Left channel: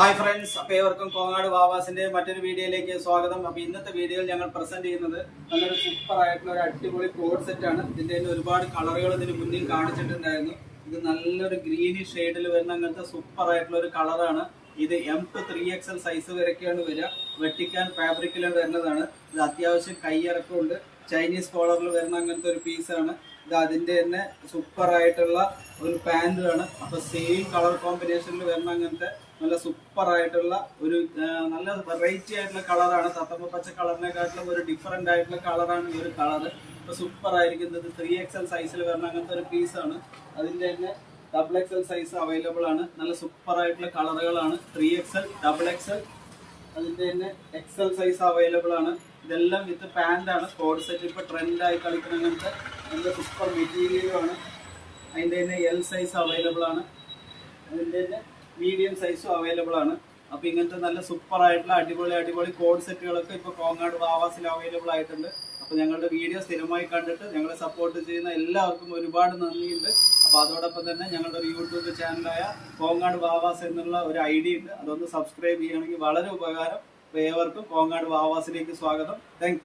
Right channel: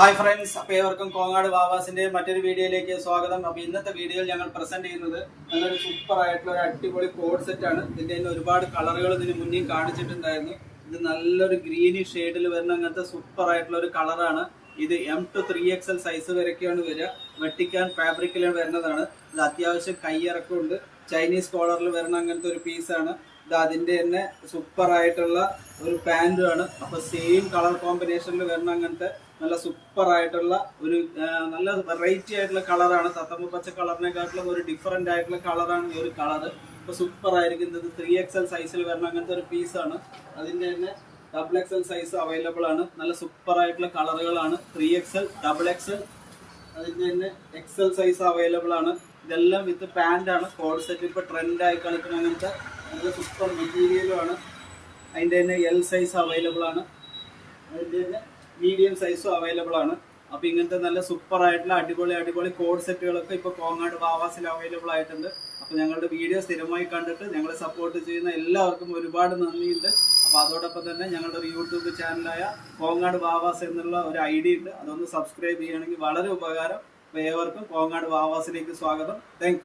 Hi friends, അപ്പോൾ ഏവർക്കും കോങ്ങാട് വാവാസിന്റെ മറ്റൊരു വീഡിയോയിലേക്ക് സ്വാഗതം. അപ്പോൾ ഇന്നത്തെ വീഡിയോയിൽ ഞങ്ങൾ പ്രസന്റ് ചെയ്യുന്നത് നല്ലൊരു സൂപ്പർ ആയിട്ടുള്ള ഒരു അടിപൊളി കോഡ് സെറ്റ് ആണ്. ഇതിന്റെ തന്നെ ഒരുപാട് കളറുകൾ ഇതിന് മുന്നേ കാണിച്ചിട്ടുണ്ടായിരുന്നു. ഇത് നല്ലൊരു ഗ്രീനി ഷെയ്ഡിൽ വരുന്ന അങ്ങനത്തെ സൂപ്പർ ആയിട്ടുള്ള ഒരു കളറാണ്. ഇത് M to 3XL സൈസ് വരെയൊക്കെയാണ് വരിക. വെട്ടിക്കാൻ ഫാബ്രിക്കിലാണ് വരുന്നതാണ്. ഇത് അത്യാവശ്യം കൈയിറക്കമുണ്ട്. ചൈനീസ് കോളറിൽ വരുന്ന അങ്ങനത്തെ ഒരു പീസാണ് ഇത്. അതിന്റെ തന്നെ സൂപ്പർ ആയിട്ടുള്ള ഒരു പാൻറ്റുമാണ്. അപ്പോൾ സെയിം കളർ കോമ്പിനേഷനിൽ വരുന്ന അങ്ങനത്തെ നല്ല സൂപ്പർ ആയിട്ടുള്ള ഒരു നല്ല വെറൈറ്റി ആയിട്ടുള്ള കളറാണ്. തത്തമ്മ പച്ച കളറിനെക്കാട്ടിലും ഒരു ഡിഫറെന്റ് ആയിട്ടുള്ള കളറാണ് ഈ ഒരു കളറ്. ഇപ്പൊ സൂപ്പർ ആയിരിക്കുന്നത് 3XL സൈസിൽ വരുന്ന അങ്ങനത്തെ ഒരു പീസാണ്. അതിന്റെ തന്നെ XXL സൈസ് അവൈലബിൾ ആണ്. നല്ല സൂപ്പർ ആയിട്ടുള്ള കളറുകളാണ്. 3XL, XXL, അതിന്റെ തന്നെ XL സൈസ് അവൈലബിൾ ആണ്. ഇതെല്ലാം വിത്ത് പാന്റ് ആണ്. കോഡ് സെറ്റ് ഇപ്പൊ ട്രെൻഡ് ആയി കളിക്കുന്ന അങ്ങനത്തെ നല്ല സൂപ്പർ മെറ്റീരിയലുമാണ്. അതിന്റെ തന്നെ L സൈസ് അവൈലബിൾ ആണ്. അതിന്റെ തന്നെ മീഡിയം സൈസും അവൈലബിൾ ആണ്. അപ്പൊ ഇങ്ങനത്തെ നല്ല സൂപ്പർ ആയിട്ടുള്ള അടിപൊളി കോഡ് സെറ്റുകളൊക്കെ ഇപ്പൊ കോങ്ങാട് വാവാസിൽ അവൈലബിൾ ആയിട്ടുണ്ട്. അപ്പൊ ഞങ്ങളുടെ വീഡിയോ സ്ഥിരമായി കണ്ടിട്ട് ഞങ്ങളെ സപ്പോർട്ട് ചെയ്യുന്ന എല്ലാവർക്കും ഒരുപാട് നന്ദിയുണ്ട്. അപ്പൊ അതോടൊപ്പം തന്നെ ഞങ്ങളുടെ ഒരു യൂട്യൂബ് ചാനലായ കോങ്ങാട് വാവാസ് എന്നുള്ള ഒരു ID ഉണ്ട്. അതൊന്ന് സബ്സ്ക്രൈബ് ചെയ്യുകയാണെങ്കിൽ വളരെ ഉപകാരം. അപ്പൊ ഏവർക്കും കോങ്ങാട് വാവാസിലേക്ക് സ്വാഗതം. താങ്ക്